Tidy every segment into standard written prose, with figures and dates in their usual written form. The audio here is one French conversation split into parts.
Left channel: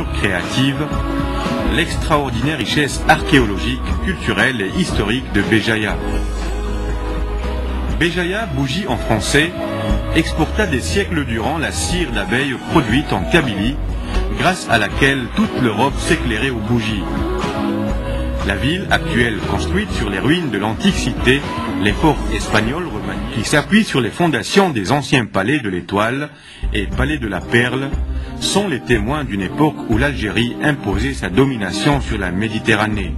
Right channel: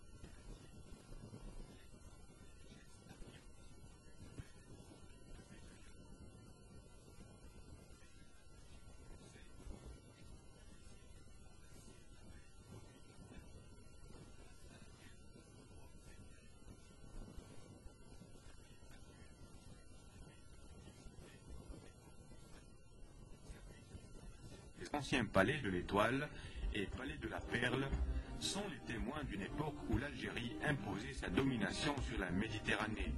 culture créative, l'extraordinaire richesse archéologique, culturelle et historique de Béjaïa. Béjaïa, bougie en français, exporta des siècles durant la cire d'abeille produite en Kabylie, grâce à laquelle toute l'Europe s'éclairait aux bougies. La ville actuelle, construite sur les ruines de l'antique cité, les forts espagnols romaniques, qui s'appuient sur les fondations des anciens palais de l'Étoile et palais de la Perle, sont les témoins d'une époque où l'Algérie imposait sa domination sur la Méditerranée.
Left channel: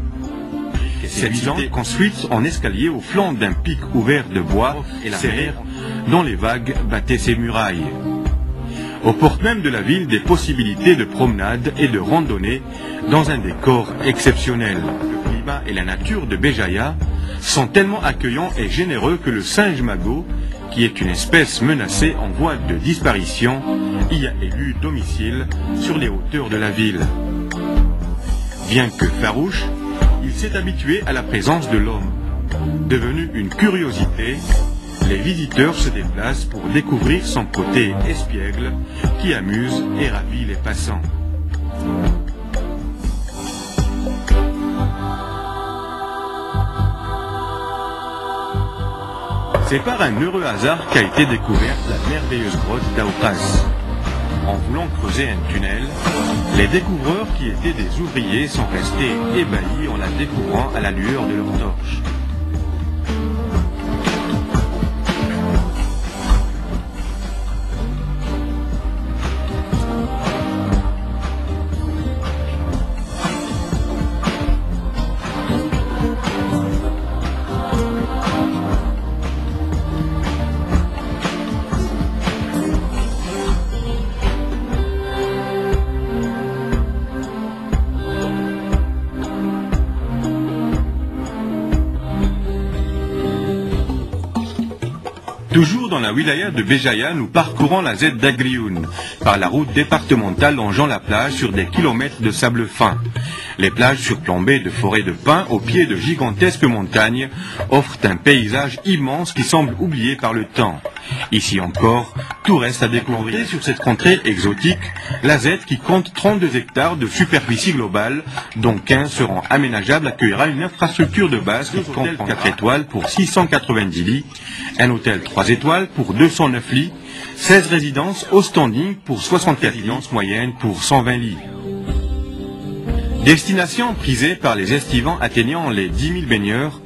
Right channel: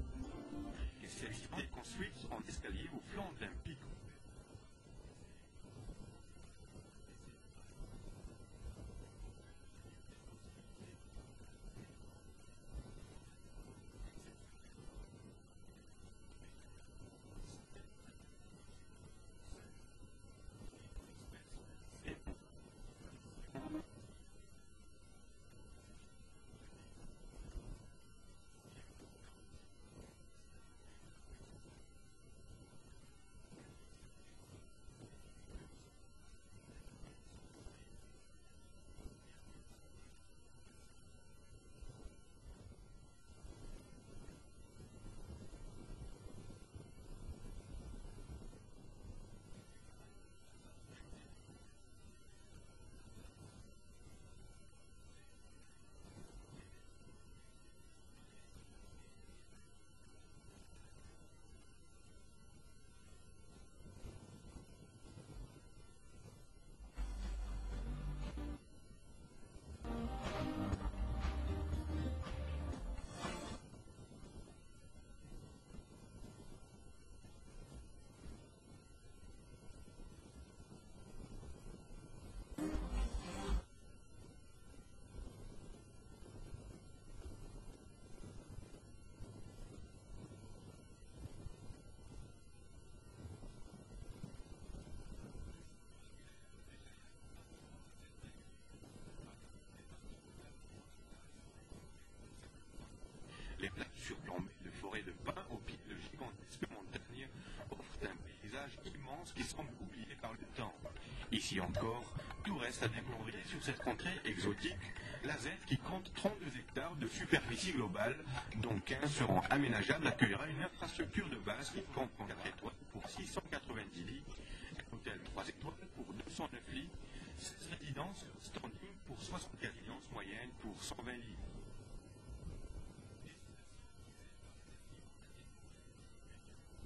Cette cité, construite en escalier au flanc d'un pic ouvert de bois et la mer, dont les vagues battaient ses murailles. Aux portes même de la ville, des possibilités de promenade et de randonnée dans un décor exceptionnel. Le climat et la nature de Béjaïa sont tellement accueillants et généreux que le singe magot, qui est une espèce menacée en voie de disparition, y a élu domicile sur les hauteurs de la ville. Bien que farouche, il s'est habitué à la présence de l'homme. Devenu une curiosité, les visiteurs se déplacent pour découvrir son côté espiègle qui amuse et ravit les passants. C'est par un heureux hasard qu'a été découverte la merveilleuse grotte d'Aoukas. En voulant creuser un tunnel, les découvreurs qui étaient des ouvriers sont restés ébahis en la découvrant à la lueur de leurs torches. Toujours dans la wilaya de Béjaïa, nous parcourons la Z d'Agrioun, par la route départementale longeant la plage sur des kilomètres de sable fin. Les plages surplombées de forêts de pins au pied de gigantesques montagnes offrent un paysage immense qui semble oublié par le temps. Ici encore, tout reste à découvrir. Sur cette contrée exotique, la Z, qui compte 32 hectares de superficie globale, dont 15 seront aménageables, accueillera une infrastructure de base qui comprend 4 étoiles pour 690 lits, un hôtel 3 étoiles pour 209 lits, 16 résidences au standing pour 64 résidences moyennes pour 120 lits. Destination prisée par les estivants atteignant les 10 000 baigneurs,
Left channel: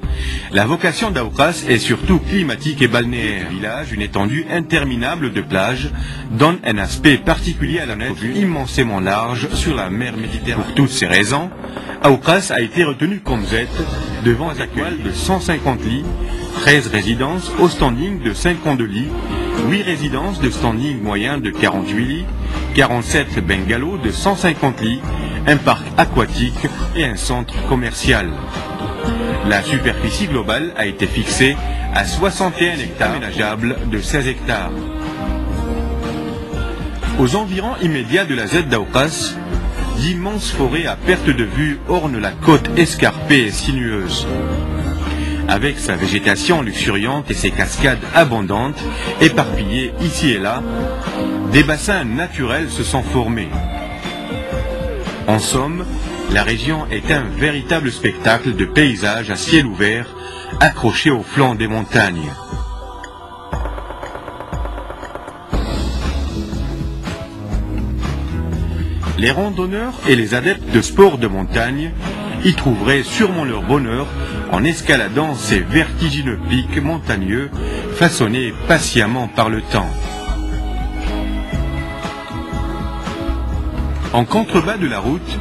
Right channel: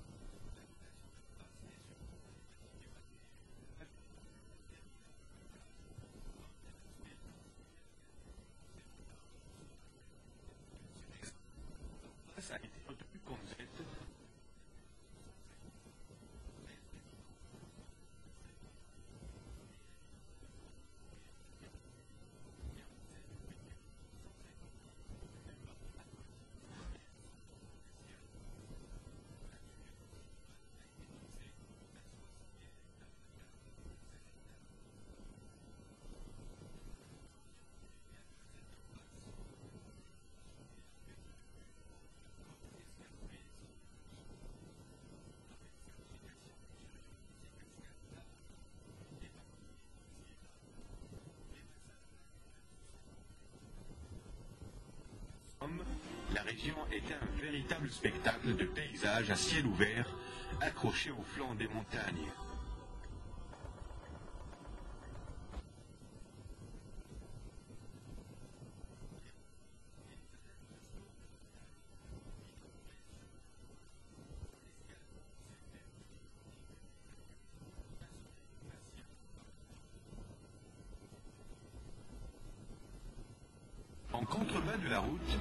la vocation d'Aoukas est surtout climatique et balnéaire. Le village, une étendue interminable de plages, donne un aspect particulier à la nature immensément large sur la mer Méditerranée. Pour toutes ces raisons, Aoukas a été retenu comme Z, devant un accueil de 150 lits, 13 résidences au standing de 52 lits, 8 résidences de standing moyen de 48 lits, 47 bungalows de 150 lits, un parc aquatique et un centre commercial. La superficie globale a été fixée à 61 hectares aménageables de 16 hectares. Aux environs immédiats de la Z d'Aoukas, d'immenses forêts à perte de vue ornent la côte escarpée et sinueuse. Avec sa végétation luxuriante et ses cascades abondantes, éparpillées ici et là, des bassins naturels se sont formés. En somme, la région est un véritable spectacle de paysages à ciel ouvert, accrochés au flanc des montagnes. Les randonneurs et les adeptes de sports de montagne y trouveraient sûrement leur bonheur en escaladant ces vertigineux pics montagneux façonnés patiemment par le temps. En contrebas de la route,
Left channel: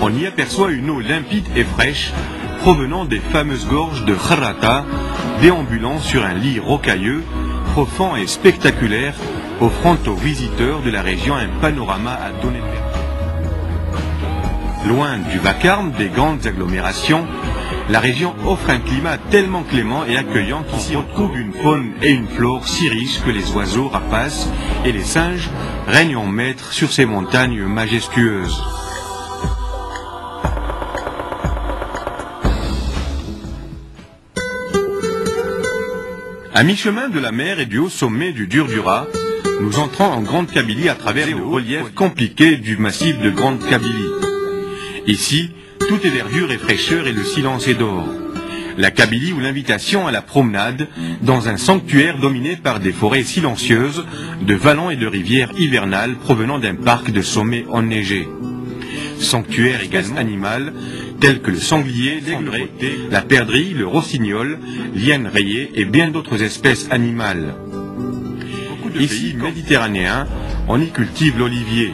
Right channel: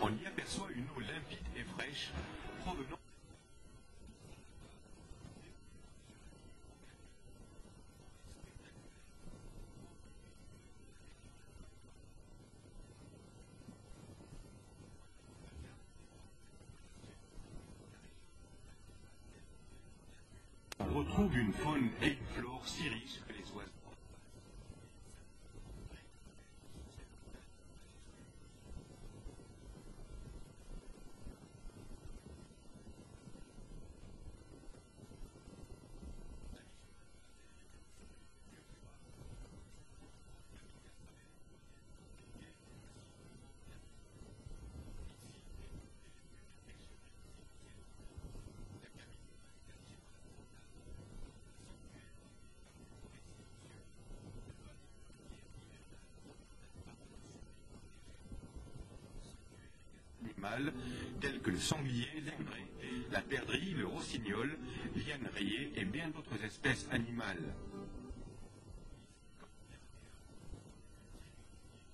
on y aperçoit une eau limpide et fraîche provenant des fameuses gorges de Kharrata, déambulant sur un lit rocailleux, profond et spectaculaire, offrant aux visiteurs de la région un panorama à donner de vertu. Loin du vacarme des grandes agglomérations, la région offre un climat tellement clément et accueillant qu'il s'y retrouve une faune et une flore si riches que les oiseaux rapaces et les singes règnent en maître sur ces montagnes majestueuses. À mi-chemin de la mer et du haut sommet du Durdura, Nous entrons en Grande Kabylie à travers le relief compliqué du massif de Grande Kabylie. Ici, tout est verdure et fraîcheur et le silence est d'or. La Kabylie ou l'invitation à la promenade dans un sanctuaire dominé par des forêts silencieuses, de vallons et de rivières hivernales provenant d'un parc de sommets enneigés. Sanctuaire également animal, tels que le sanglier, l'aigrette, la perdrix, le rossignol, l'hyène rayée et bien d'autres espèces animales. Ici, méditerranéen, on y cultive l'olivier.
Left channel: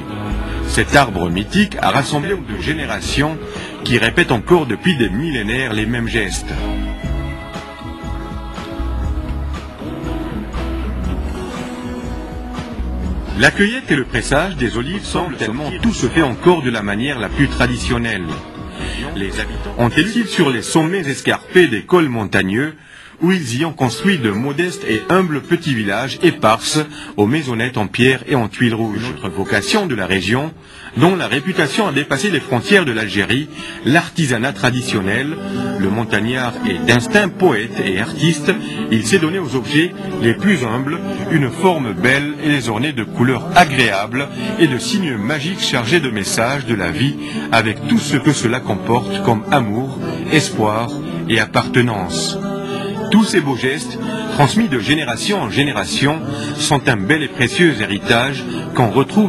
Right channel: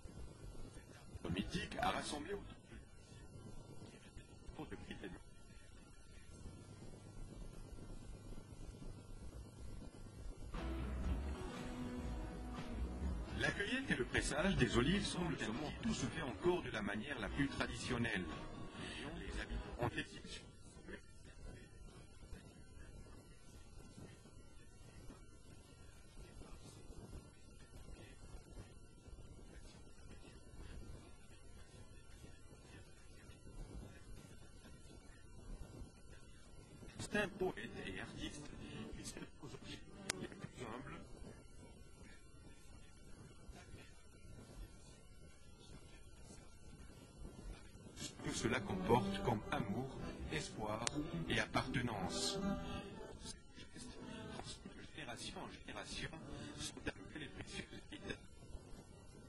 Cet arbre mythique a rassemblé de générations qui répètent encore depuis des millénaires les mêmes gestes. La cueillette et le pressage des olives semblent tellement tout se fait encore de la manière la plus traditionnelle. Les habitants ont été sur les sommets escarpés des cols montagneux où ils y ont construit de modestes et humbles petits villages éparses aux maisonnettes en pierre et en tuiles rouges. Une autre vocation de la région, dont la réputation a dépassé les frontières de l'Algérie, l'artisanat traditionnel. Le montagnard est d'instinct poète et artiste, il s'est donné aux objets les plus humbles une forme belle et les orner de couleurs agréables et de signes magiques chargés de messages de la vie avec tout ce que cela comporte comme amour, espoir et appartenance. Tous ces beaux gestes, transmis de génération en génération, sont un bel et précieux héritage qu'on retrouve